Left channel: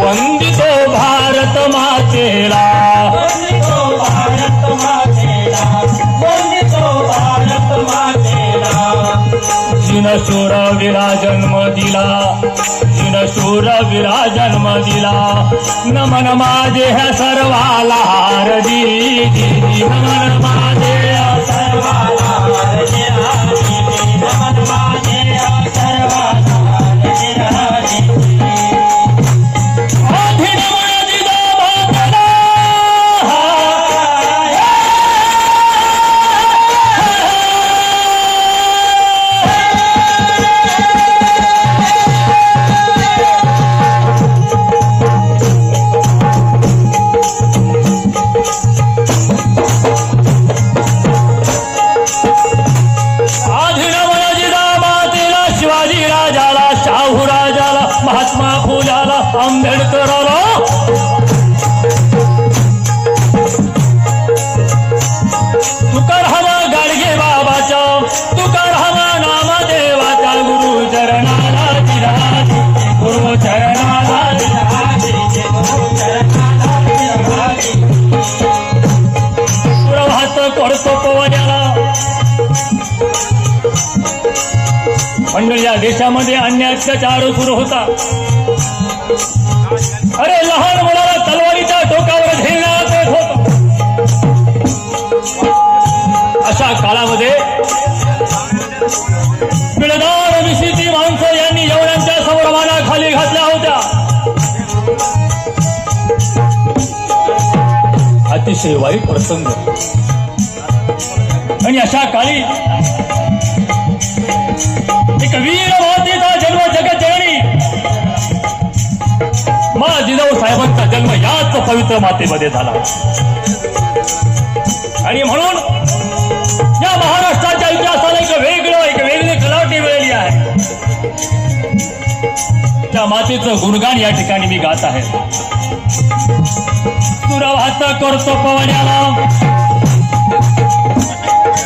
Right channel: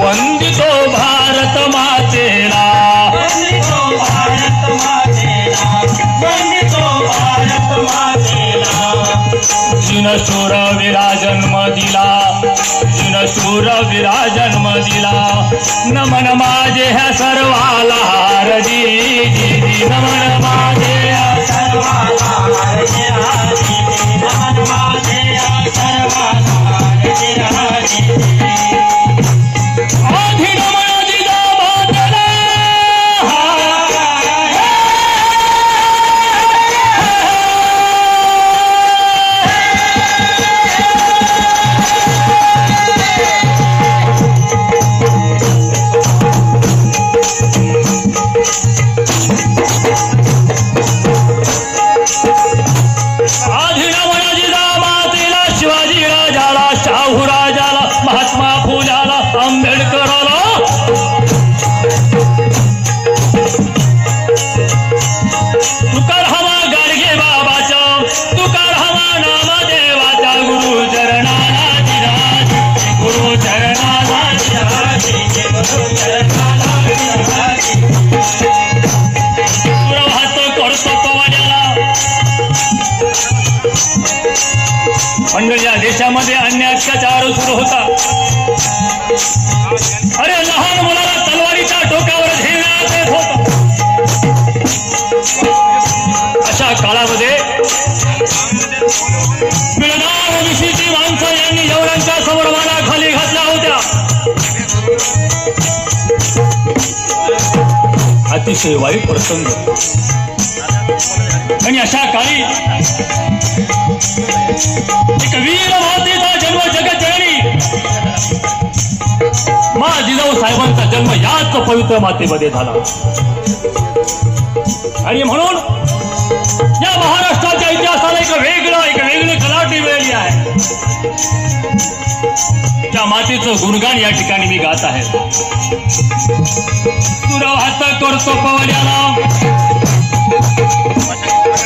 वंदितो भारत मातेला जिनशूर विरा जन्म दिला जिनशूर विरा जन्म दिला नमन माझे ह्या सर्वाला हारजी नमन माझे सर्वाला हारजी नमन माझे सर्वाला हारजी महात्मा फुल्याला आंबेडकराला तुकार हवा गाडगे बाबाचा तुकार हवा नामदेवाचा गुरु चरणाला दिराज गुरु चरणाला दिराज गुरु चरणाला दिराज प्रभात करतो पवनाला मंडळ या देशामध्ये अन्य अत्याचार सुरू होता। अरे लहान मुलाला तलवारीच्या टोकावर झेलण्यात येत होता। अशा काळामध्ये बिळदार ऋषीची माणसं यांनी एवढ्यांच्या समोर माना खाली घातल्या होत्या। अतिशय वाईट प्रसंग आणि अशा काळी एक वीर मातेचा जन्म जगज्जननी मा जिजाऊ साहेबांचा जन्म याच पवित्र मातेमध्ये झाला आणि म्हणून या महाराष्ट्राच्या इतिहासाला एक वेगळी कलाटी मिळाली आहे। त्या मातेचं गुणगान या ठिकाणी मी गात आहे। तुरवात करतो पवनाला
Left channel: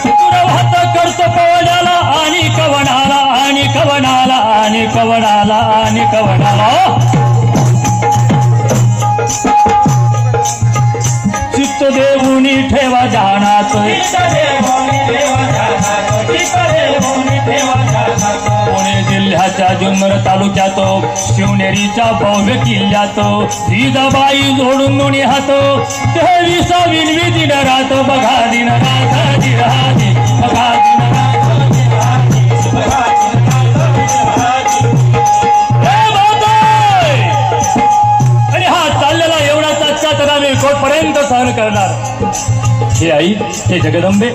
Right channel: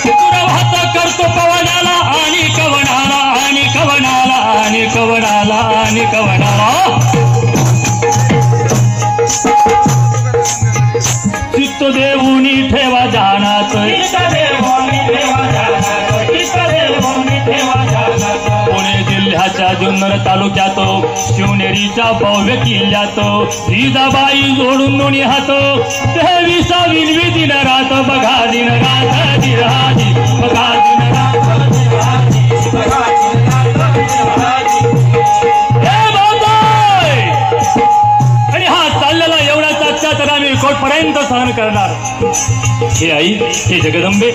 तुरवात करतो पवनाला आणि कवनाला आणि कवनाला आणि कवनाला आणि कवनाला चित्त देऊनी ठेवा जाणात पुणे जिल्ह्याच्या जुन्नर तालुक्यात शिवनेरीच्या भव्य किल्ल्यात जिजाबाई जोडून दोन्ही हात 23 विनवी दिन रात बघा दिन रात दिराजी बघा दिन रात आणि हा चाललेला एवढाच अत्याचार आम्ही कोर्टपर्यंत सहन करणार। हे आई हे जगदंबे